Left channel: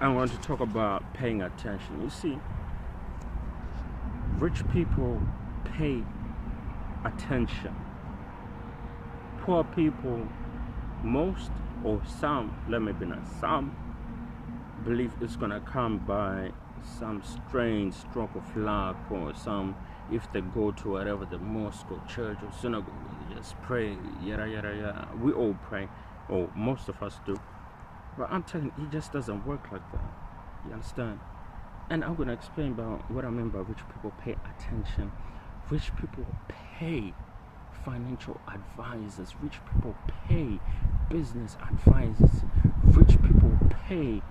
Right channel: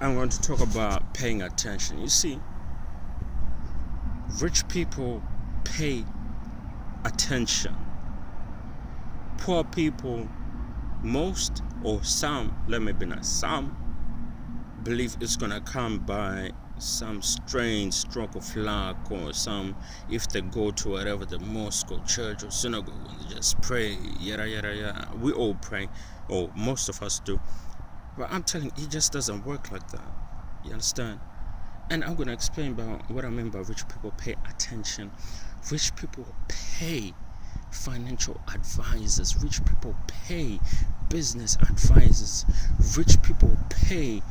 I want to talk about paying attention. You see, rich people pay attention. Poor people, most or some, let me be nice, some believe it's gonna come by some strange stroke of luck, or some, if they go to whatever, the mosque or church or synagogue, and they just pray, yada yada yada. We all pray, or most of us do. But I'm telling you, it just doesn't work like that. You understand? And I'm gonna explain about what I mean by rich people pay attention. Rich people pay financial advisors. Rich people pay business advisors. Rich people pay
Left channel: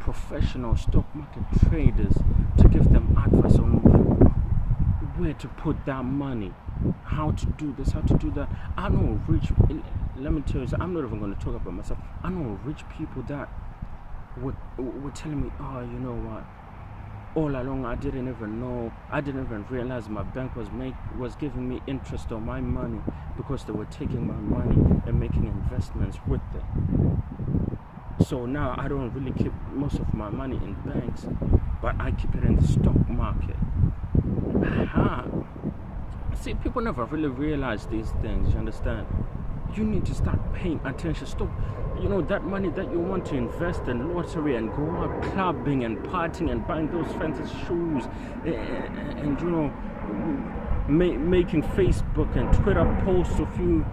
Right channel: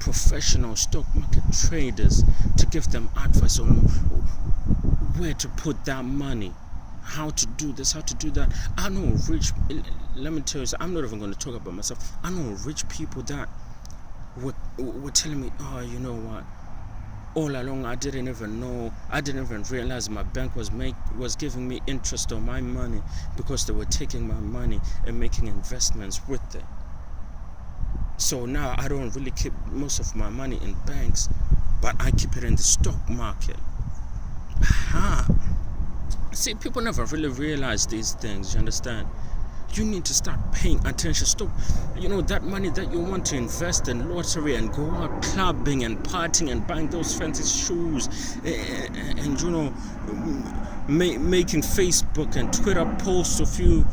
professional stock market traders to give them advice on where to put that money, how to do this, how to do that. I know rich, let me tell you, I'm not even going to talk about myself. I know rich people that were telling me, oh, you know what, all along I didn't even realize my bank was giving me interest on my money, because they were taking my money and making investments with it. So now I don't really keep most of my money in banks, but I keep it in the stock market. See, people never really realize these things, you understand? You need to start paying attention. Stop, that money that you want to invest in lottery and go out clubbing and partying and buying those fancy shoes and making Facebook and Twitter posts of you,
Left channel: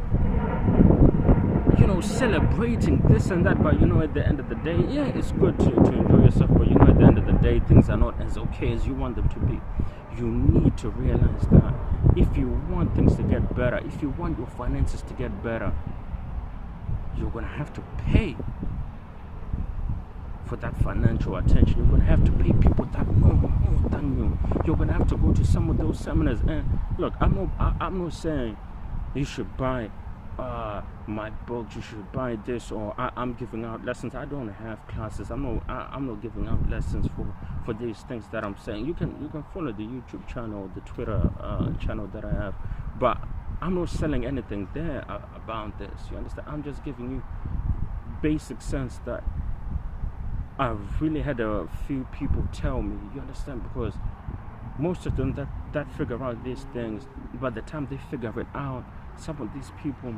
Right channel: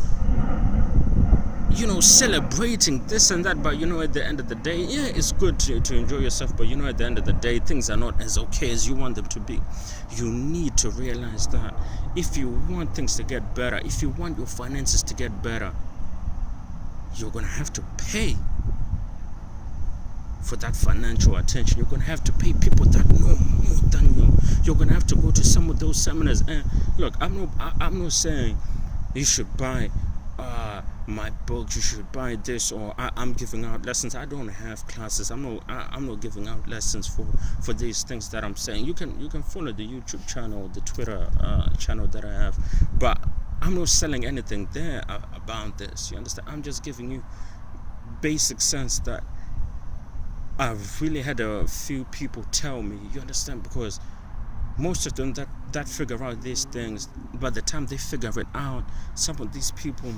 celebrating this and that. But at the end of the day, yeah, it's good to enjoy yourself, but at the end of the day, things are not as okay as you want them to be. You need to realize that if you want things to get better, if you want your finances to get better, you're gonna have to pay for that financial attention. You're gonna have to pay people that know more than you. You're gonna have to go to some of those seminars. And look, I'm not saying you should buy my books, you should buy this, or I'm giving out lessons. I don't have classes. I'm not giving out lessons for these things that I'm saying. You can follow the YouTube channel, the Twitter channel that I have, but I'm not selling anything there about this. You understand? I'm just giving you basic sense that I've really had a few people tell me. You understand? Because most of them that figure out these things, by the time they figure it out, some of these people,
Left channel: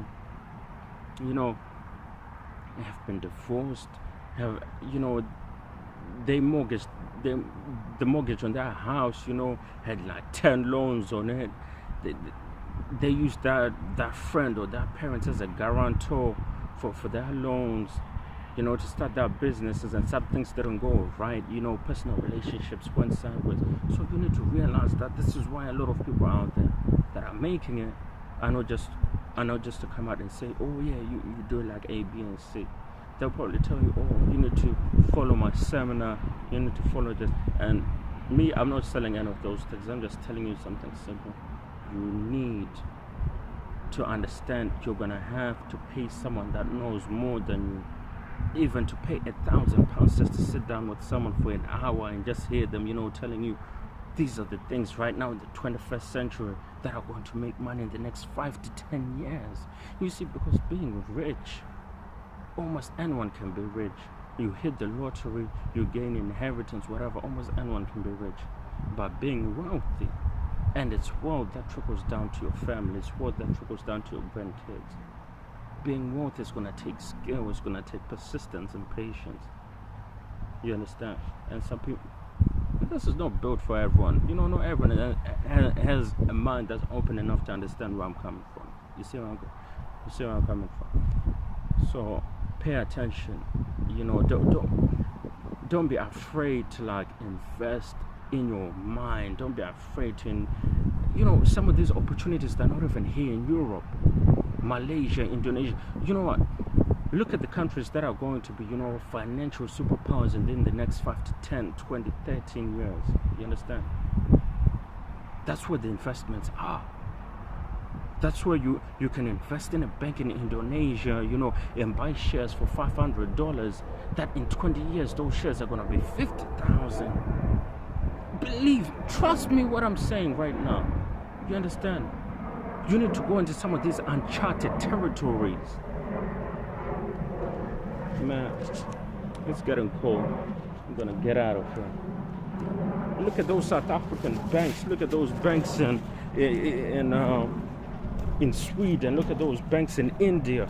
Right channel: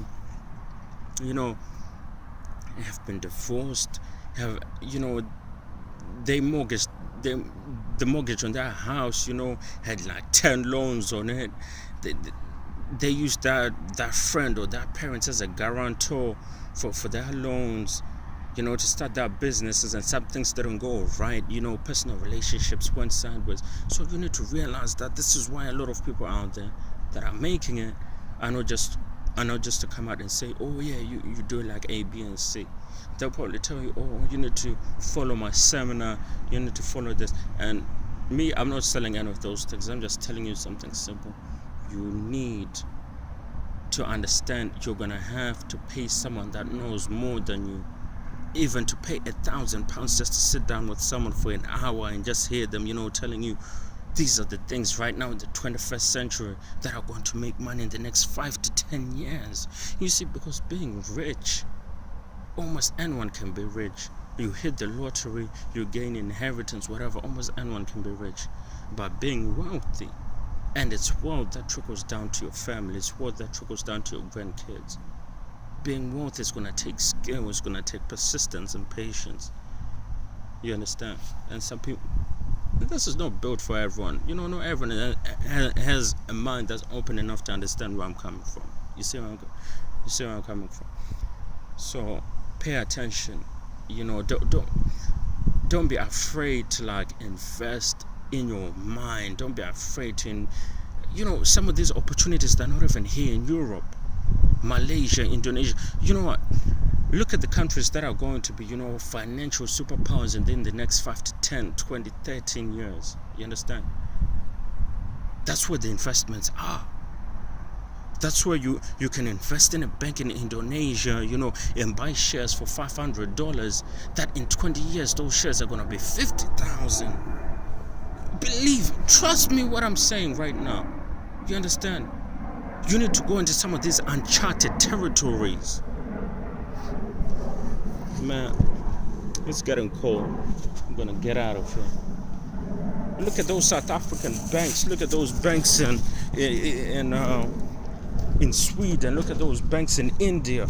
have been divorced, have, they mortgaged, the mortgage on their house, had like 10 loans on it. They used that friend or that parent as a guarantor for their loans, to start their businesses, and some things didn't go right, personal relationships went sideways. So you need to realize that this is why a lot of people out there that are making it are not just to come out and say, oh yeah, you do it like A, B, and C. They'll probably tell you, oh, you need to follow my seminar, you need to follow this. And me, I'm not selling any of those things. I'm just telling you something simple. You need to understand you're gonna have to pay someone that knows more than you. Even to pay £1,000 just to sit down with someone for an hour and just hear them, telling you these are the things right now in the 21st century that are going to make money in the next 5 to 10 years. You see, because being rich, almost anyone can be rich. You hit the lottery, you gain inheritance, whatever, almost anyone can be rich. But being wealthy, and it's wealth that trickles down to your family, it's wealth that trickles down to your grandkids. Being wealthy is going to take skill, it's going to take persistence and patience. You understand? And some people, this is not built for everyone. Not everyone has a mind that's open enough to understand where I'm coming from. You see where I'm coming from? So pay attention. Don't be afraid to invest in your mind. Don't be afraid to, some of these opportunities that are not even here in Europe. Malaysia, Indonesia. You know what? Look at the countries that are going to be, financial superpowers in the next 5 to 10, 20, 13 years. You understand? That's where the investments are. That's where you can invest in a bank in Indonesia, and buy shares for $500. That in 20 years, those shares are going to be 50,000. Trust me what I'm saying right now. You understand? You need to go into some of these uncharted territories. Man, It's getting cold. I'm gonna get out of here. Look at those South African banks. Look at those banks in Sweden. Look at those banks in India.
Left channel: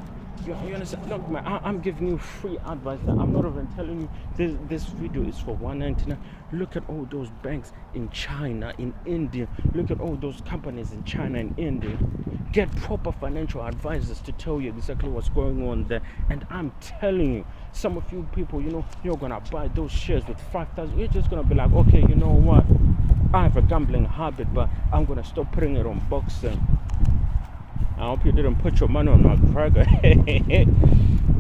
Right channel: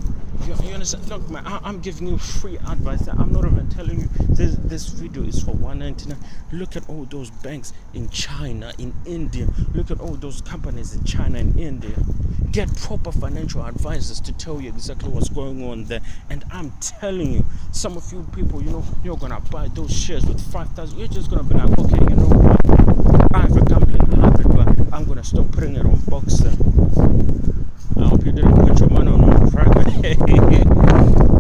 You understand? Look, man, I'm giving you free advice. I'm not even telling you this video is for $1.99. Look at all those banks in China, in India. Look at all those companies in China and India. Get proper financial advisors to tell you exactly what's going on there. And I'm telling you, some of you people, you're gonna buy those shares with 5,000. You're just gonna be like, okay, you know what? I have a gambling habit, but I'm gonna stop putting it on boxing. I hope you didn't put your money on private.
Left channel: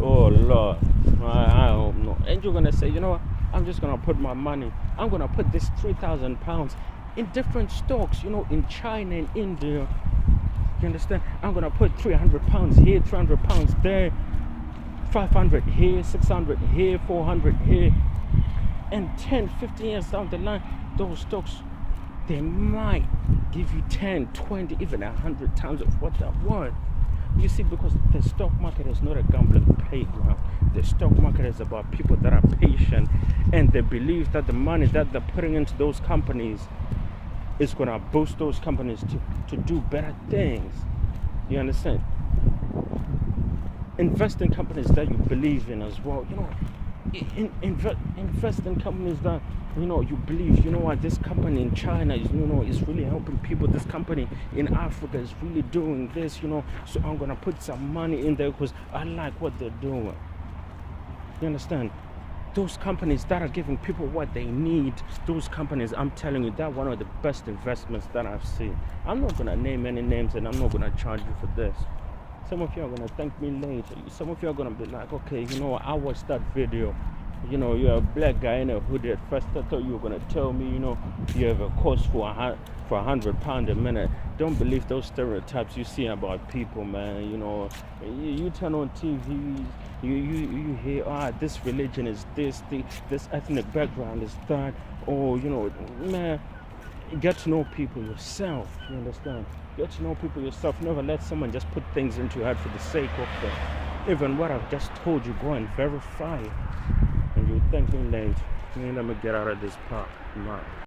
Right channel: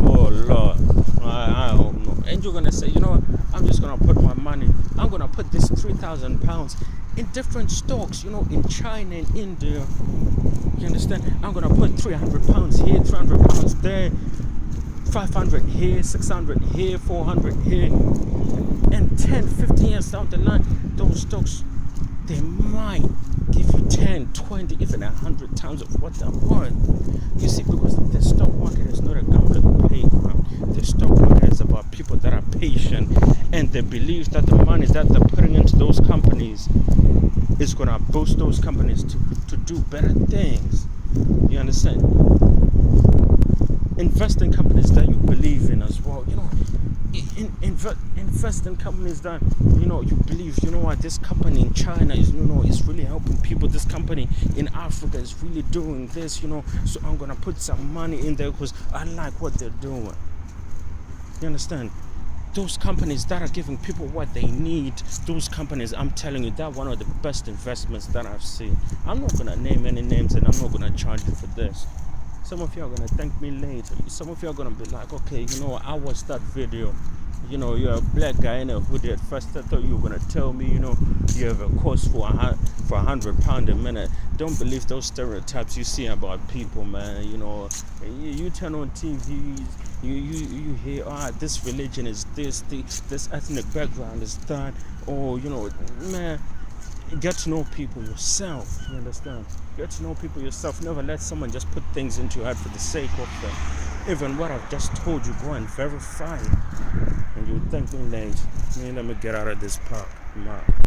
Oh Lord, I hope not. And you're gonna say, you know what? I'm just gonna put my money. I'm gonna put this £3,000 in different stocks. In China and India. You understand? I'm gonna put £300 here, £300 there, 500 here, 600 here, 400 here, and 10, 15 years down the line, those stocks, they might give you 10, 20, even 100 times of what they're worth. You see, because the stock market is not a gambling playground. The stock market is about people that are patient and they believe that the money that they're putting into those companies is going to boost those companies to do better things. You understand? Invest in companies that you believe in as well. Invest in companies that you believe. You know what, this company in China is is really helping people. This company in Africa is really doing this. So I'm gonna put some money in there because I like what they're doing. You understand? Those companies that are giving people what they need, those companies, I'm telling you, they're one of the best investments that I've seen. I'm not gonna name any names and I'm not gonna charge you for this. Some of you are gonna thank me later. Some of you are gonna be like, okay, I watched that video. You're a black guy in a hoodie. At first I thought you were gonna tell me, you have a cost for £100 a minute. Don't believe those stereotypes you see about people, man. You turn on TV, you hear, this religion is this ethnic background is that, or man. Get to know people yourself. You understand? Get to know people yourself. Never let someone just put things into your head for the sake of them. Even what I've just told you, go and verify it. And you'll thank me later. Let me get out of this part.